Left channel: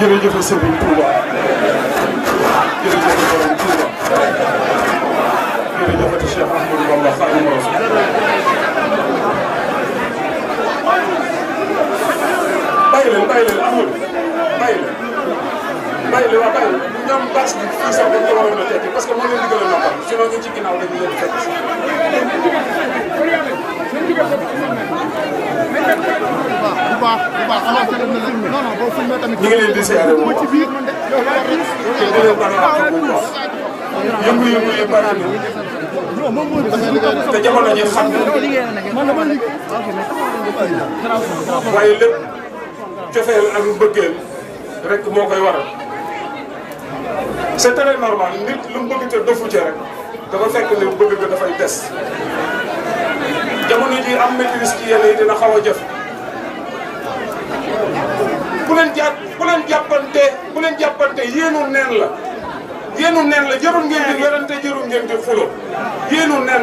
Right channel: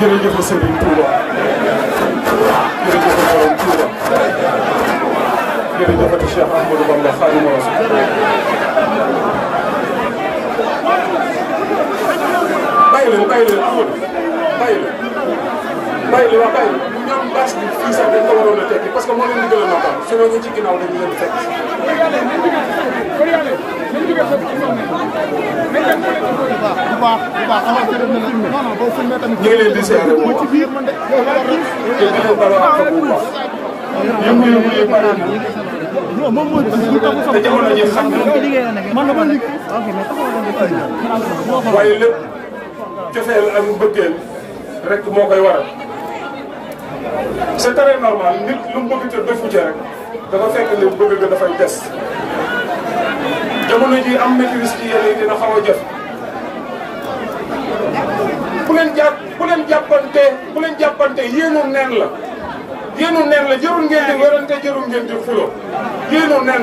jërëjëf Serigne Touba jërëjëf Borom Touba jërëjëf Cheikh Ahmadou Bamba Khadimu Rasul bàyyi leen amul bàyyi leen ñoom bâche bi fii sax dañ ko waroon a tekki parce que moo leen digaloon na tam sinon ñu ci ginnaaw dañu leen fekk ñu ngi leen di seere moom te di leen bala ak bu baax yëngu-yëngu yi bari na te jamono ji xam waaye lépp cofeel ak bëggeel rek moo koy waral c'est très normal nit lu mu bëgg te defu ci rek dafa fekk ne bëgg nga dafay des jamono ji am maîtrise ci yenn yi dina xaw a jëf bu leen jàppante yéenu neen la jarul ngeen di werante jarul ngeen di xulo yéenu neen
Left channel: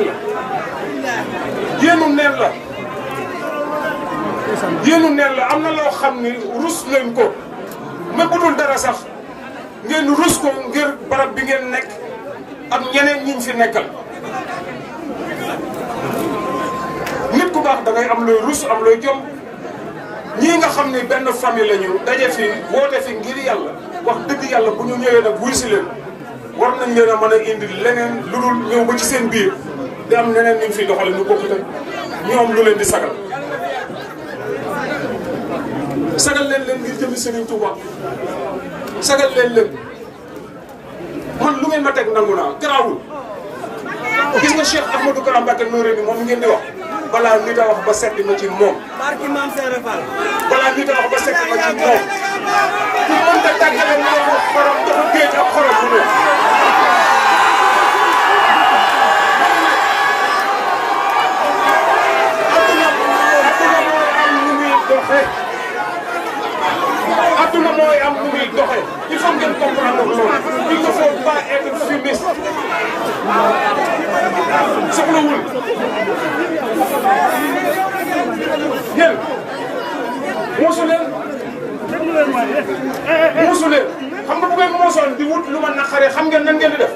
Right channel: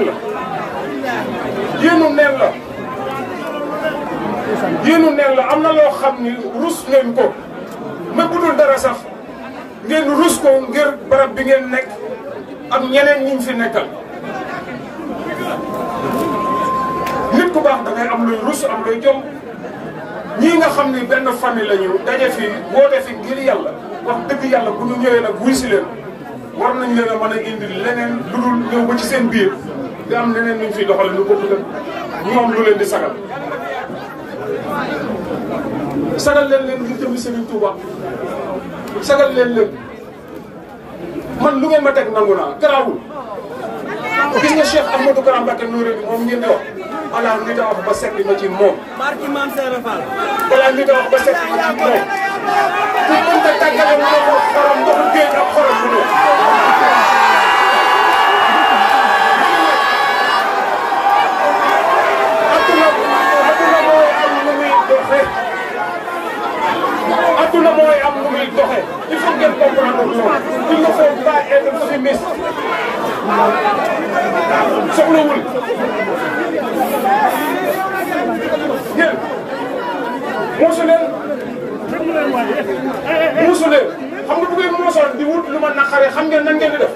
la am na loo xam ni rus ngeen ko mais bu dul dara sax ngeen rus ko ngir barab bi ngeen nekk am ñeneen ñi fi nekkal nit nit ku baax da ngay am looy rus am looy jom ñii nga xam ni benn famille la ñu daje fi woote fi ngir yàlla wax dëgg yàlla bu ñu ñëwee nag wuy si leen war nañ leen a mën a indi leneen lu dul ñëw ba ci seen biir di am leneen ñu fi doxale lu bokkut ak ñoom lu leen di sagal sagal leen ngir jëmi Serigne Touba sagal leen man lu ngeen ma teg nangu naa garaawul gis nga Cheikh Ahmadou Kara Mbacké Noreyni moom ngeen di wax balaa nit a wax ba setti ma ci moom. barki Maam Seera Fall. balaa nit a wax ba setti ma ci moom. ku mënta tàggale mu ne ko xorom ndoxu géej ak xorom mu ne. adduna mooy am nu muy doxee il faut ngeen comprendre loolu il ne faut pas être fumiste soxlawul yéen muusu leen xam nga bu ngeen moosoon di wut lu ma naqaree xam ngeen nan ngeen di def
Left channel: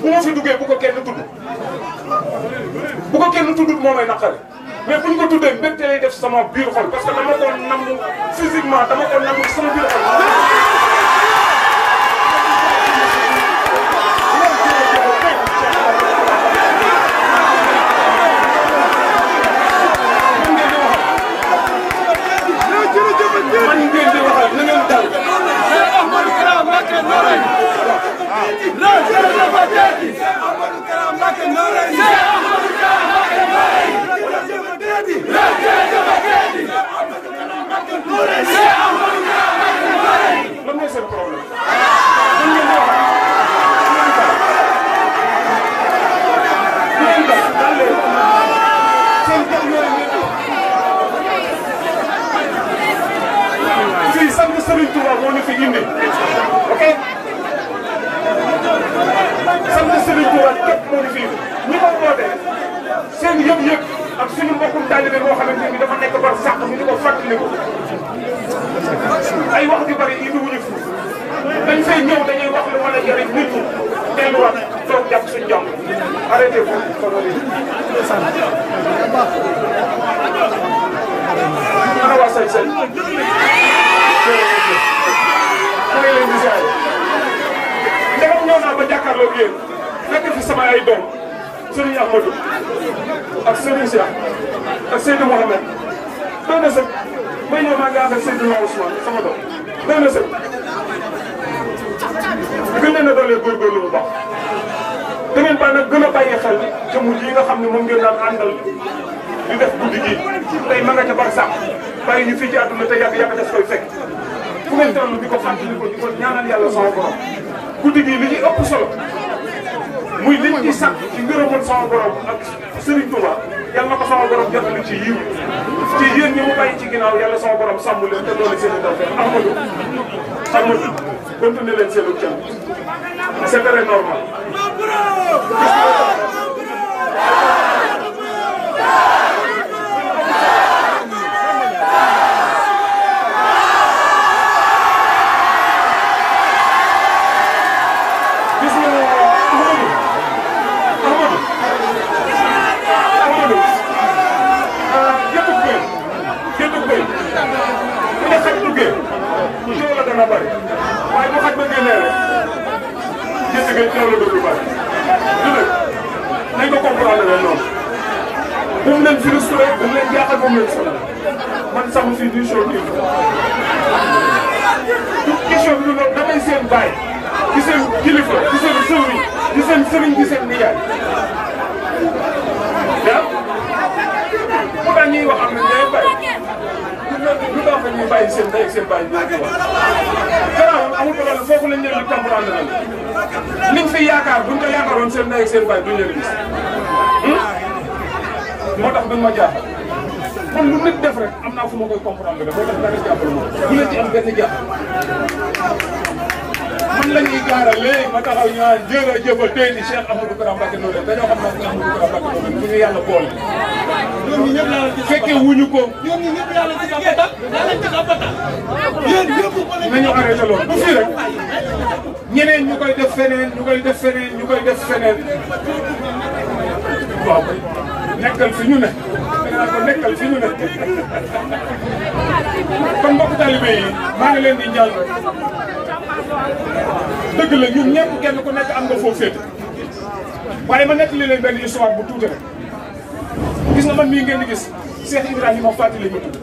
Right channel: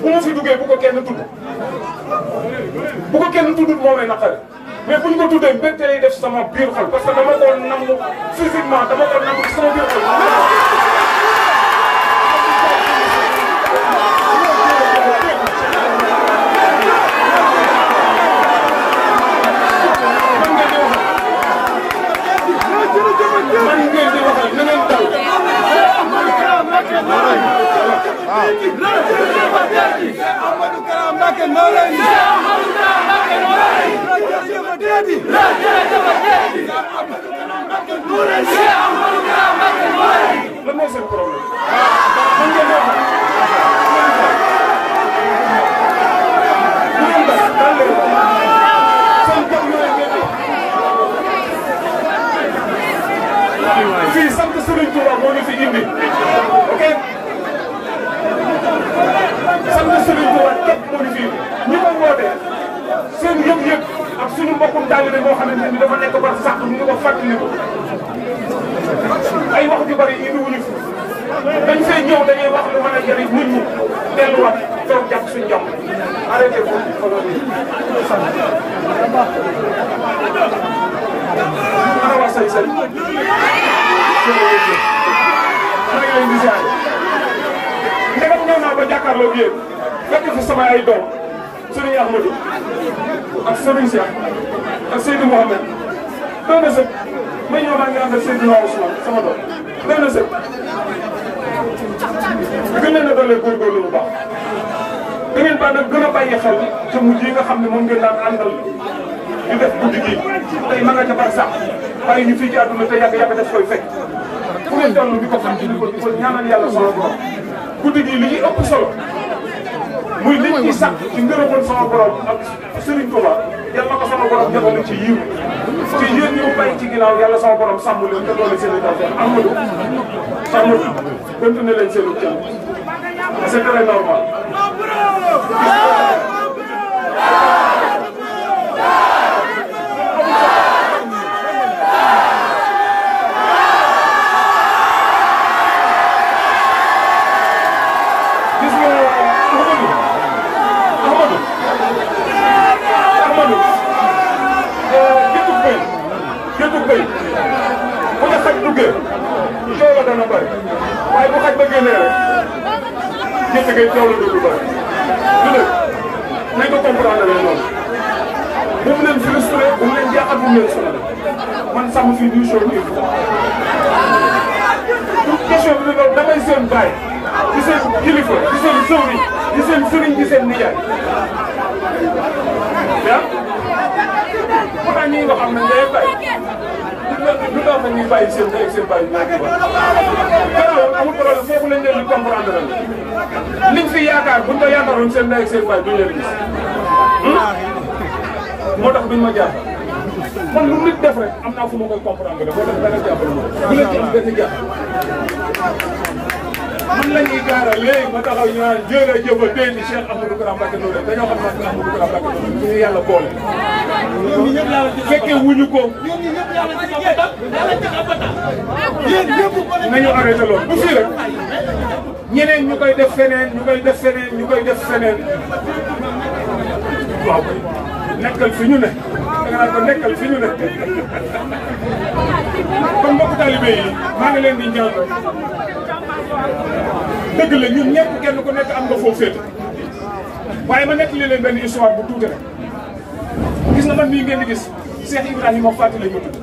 bu ma fi duggee bu ko kenn tudd bu ko kenn tuddut moo may naqare mais bu ñu ko tuddee mbégte lay def sama biir xol parce que dama ko nangu physiquement dama ko nangu sama biir xol. man ngeen di waxal na ngeen dal. lan mooy seen problème. man ngeen di waxal. ngeen dal dal leen. seen jëm yooyu ngeen di. fii sant Serigne Touba moo ñu fi indi. ok. sant Serigne Touba képp moo ñu fi indi. ñi ko wootee seen yëg-yëg ak suñu mbokkum taalibe moo xamante ni dafa nekk bar sax ñu ko fàttali ko. ay wax ju bari indi wuñu fi. dañ fay ñëw dañuy wax lu mën a jëriñ nit ñi delluwaat toog jàpp suñu jàmm. arrêté ko. ana waa Sali Sali. maa ngi leen di ziar. ndegam ñëw naa ba jàkkaarloog yéen fekk fi sama ay doom Serigne Ahmadou ak Serigne Cheikh ak Seydou Mouhamed doy na sëkk may ñëw maa ngi ànd ak Seydou Ousmane sama doom doy na sëkk gën leen a doole góorgóorlu bu baax da ngeen baax nag gën a bàyyi xel jëmm ji nga xam ne moom ngeen daan àndal di def guddi gi tey ma nga ca bar sax bàyyi ñu fii ci àdduna te yàgg daf koy fekk fu ngeen toll di ko fàttali ko di ko ñaanal yàlla sama borom guddi gi li ñuy ëpp solo muy liñ ci sax ci ngërëmoon sama borom ak Serigne Touba yàlla na ko sama borom jotali ci yiw ci yéen ñi mu bàyyi ci ginnaaw yàlla sama borom sàmm leen te doole seen i tawfeex Amadou continuer leen seen i jàmm c'est très normal. bu ne xaj duggee coow la dana bëri waaye bu xaj ba génnee rek gétt gi coow la dootul bëri du ne nañ ko comprendre leen noonu bu mu leen frustré bu mu leen jaaxal bu mu leen sonal man sàmm fii du show nii question bi loolu damay seen baay di seen kilifa di seen sëwriñ di seen sëriñ di seen nijaay waaw bu daan ñuy wax am na ngay bàyyi ñu doon fa ñuy bàyyi seen ndey ak seen bàyyi ñu nekk wax garaawul amul problème foofu lañ leen di comprendre nañ liñ fi yaakaar buñ ko yaakaaroon seen ndey ak seen bàyyi duñ leen gis moo tax duñ ma jaaxal man lu nit def rek am naa fu ma koy comprendre rek moo tax dara jàppale ma bu leen ci am benn jàpp man la ñuy gaaral léegi ma taxaw ñu naan jërëjëf tey ni Cheikh Ahmadou Kara Mbacké Noreyni dañoo xam nag Ahmadou Kara Mbacké Noreyni ñu yàlla boole ñoom ñi ñëpp laa la ci fekkee wuñu ko ñoom ñi ñëpp laa la ci xabatal yéen ñëpp nañu arrêté loolu bu fii rek ñeneen ñu koy def feneen ñu koy def feneen ñu koy def feneen waaw nekkal fi ñu ne naa ko nekkal fi ñu nekk kon mbokk talibé yi maa ngi leen di ñaan dëgg la ñun ñëpp kenn ku nekk am nga foofu féete waaye ma nekk leen benn histoire bu tuuti rek gis nga man mii ngeen di gis Cheikh Ibrahima Fati la ñu tudd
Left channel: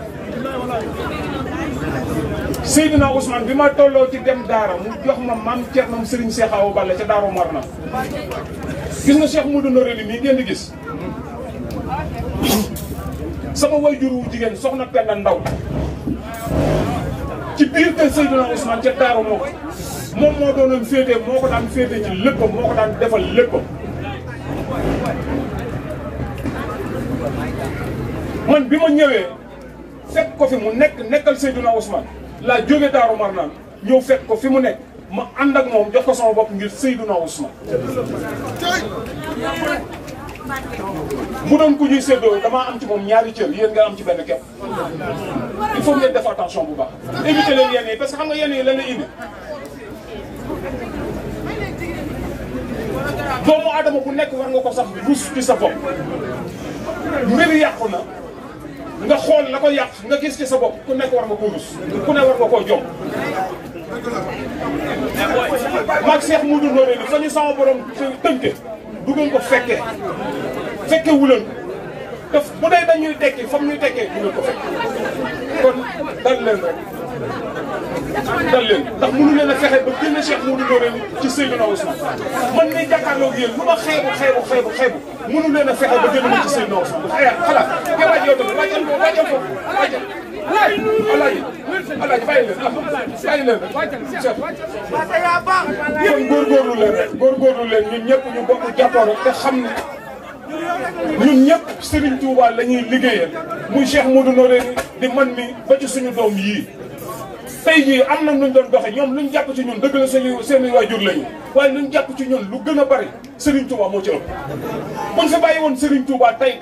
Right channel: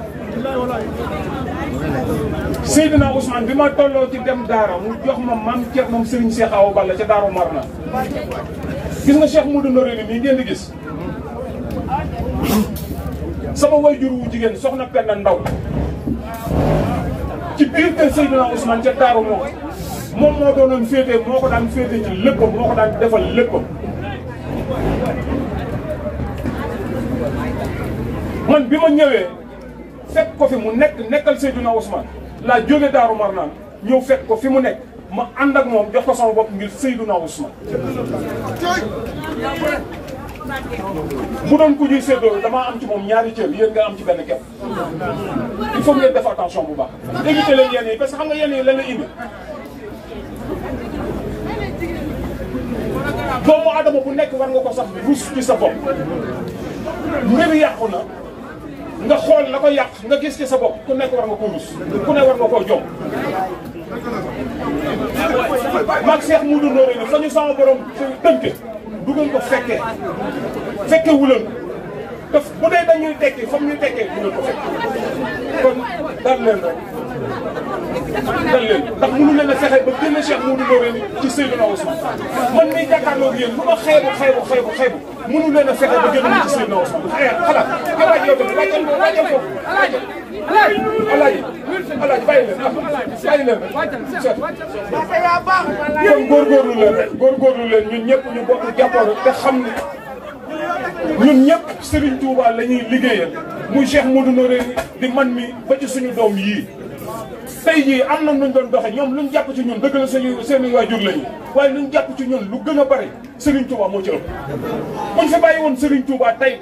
Seydina Ousmane bi ma tolloo ci dem daara mu jox ma maam Thierno Serigne Cheikh Awa Balla ca Daaru Marna gis nga Cheikh Modou Noreyni mii ngeen di gis sama wayjur wu jigéen soxna Penda Ndaw ci biir kër Seydina Ousmane ca Daaru moom moo doonoon féete moo ko daan féete ci léppam moo ko daan defal léppam man bi ma ñëwee fekk ko fi mu nekkal Seydina Ousmane laa jóge Daaru Marnaan ñëw fekk ko fi mu nekk ma ànd ak moom jox ko sama bopp ngir Seydina Ousmane bu doon ku ñuy séddoo damaa am ci moom ñaari cër yéen nga am ci benn kepp il faut ngeen def attention bu baax éviter leen yenn yi parce que xam nga yenn yi lan la indi doomu adama bu nekk war nga ko sax rus ci sa bopp mbir yàqu na nga xool la ko yàq nga gis ci sa bopp ku nekk war nga ko rus ku ne war nga koo jom maag Cheikh Modou Noreyni fa ñu sama borom tënke du ngeen ko fekke wuleen te bu dee dañuy tekki fam ñuy tekkee du ngeen ko fekke kon dal leen rek dal leen ndax mënu leen a fexe ba génn Cheikh Modou Noreyni ci Seydina Ousmane man mii jàkkaarloo ak yéen lu ma xeebu mënu leen a fexe ba génn ci Seydina Ousmane xalaat alaaj yow tamit wàccal ko alaaji bàyyi leen kon góorgóorlu leen rek ñun ñëpp ñu bokk jàppoo te xam ne ñun ñëpp Serigne Touba la ñuy liggéeyal muy Cheikh Modou Noreyni di man mi ba ci suñu doom yii tey jii am na nuñ doon doxe ñoom luñ jàpp ci ñun dëgg la seeni waajur lañu waaye luñ jàpp ci ñun lu gën a bari Serigne Touba moo ci ëpp buñ fi bàyyi woon Serigne Touba tey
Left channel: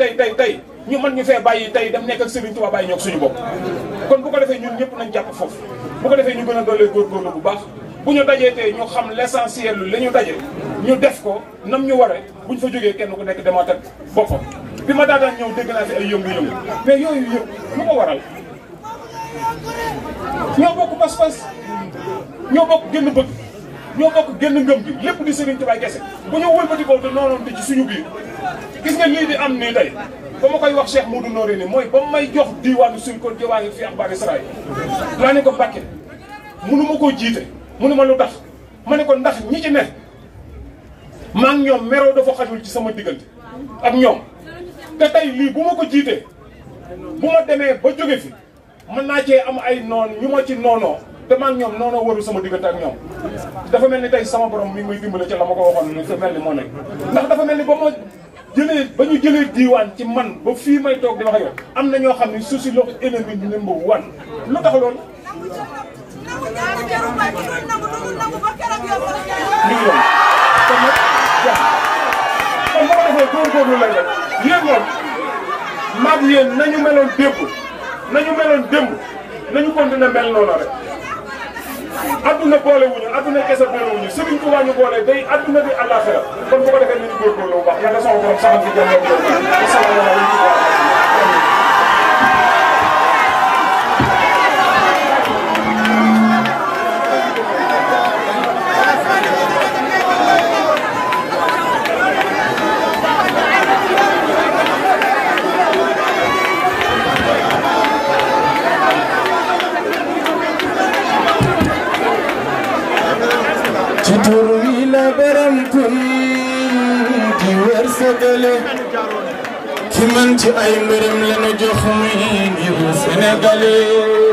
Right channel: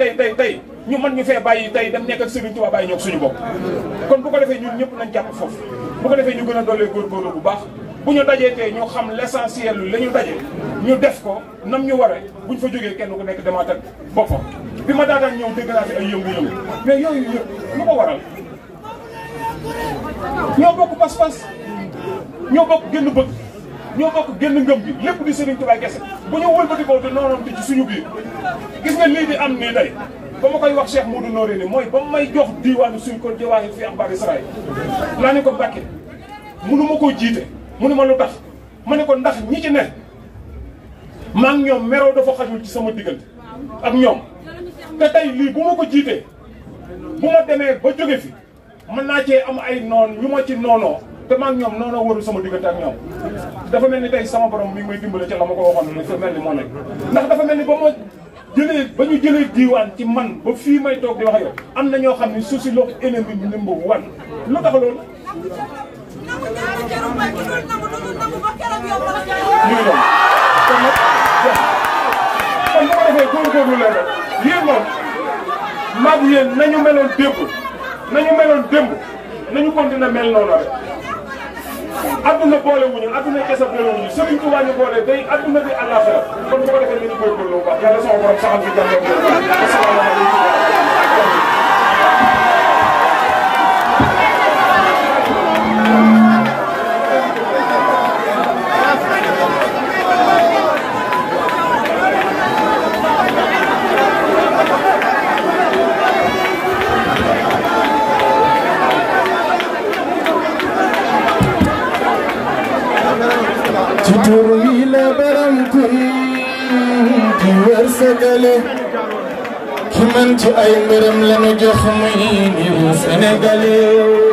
ñu mën ñu fee bàyyi tey dem nekk ak Serigne Touba bàyyi ñoo ak suñu bopp kon bu ko defee ñun ñëpp nañ jàpp foofu bu ko defee ñu gën a doolee góorgóorlu bu baax bu ñu dajee tey ñu xam l'essentiel lu la ñu daje ñu def ko nam ñu waree buñ fa jógee kenn ku nekk demaat ak boppam bi ma daataan ñëw dégg naa fi ay yëngu-yëngu mais yooyu yëpp lu ko waral ñoo bokk pas-pas ñoo bokk génn bëgg ñoo bokk génn ngëm bi lépp di Serigne Touba kese bu ñu wëlbati ko te noonoon di ci suñu biir gis nga lii di am nii tey ba ma koy wax Cheikh Modou Noreyni mooy ba may jox diiwaanu suñ ko jëwaangi fi axbaari Israël laa ne ko Mbàkke mënu ma koo jiite mënu ma lu tax ma ne ko ndax ñi ci ne maa ngi ñoom meroo dafa xajul ci sama diggante ak ñoom te tey lii bu ma ko jiitee bu ma demee ba jóge fi mën naa cee am ay noon ñu ma ci noonoo te maa ngi ñoom noonoo warul sama diggante ak ñoom dafa mel ni tey sama borom mi ngi may dimbale ca la ma ko waxoon ni fa mel ni moo nekk ndax dafa mel ni ba ñu jëlee diiwaan ci man ba fii may toog di wax yow am na ñoo xam ne suuf si loo ennemi bi number one lu tax loolu kon boo defee góorgóorlu leen rek yéen moom maag yéen nañu meloon démb nañu continuer mel noonu rek adduna boole wuñu adduna kese boole wuñu Serigne Touba ñu boole day adduna di àllaaxira kon bu ko defee nañu góorgóorlu bu baax yàlla sama borom saxal fi jàmm asalaamaaleykum ci tur wi la baram kun di wërsëgale ki man ci ay mbërëm lañu jox muy ngir Sénégalais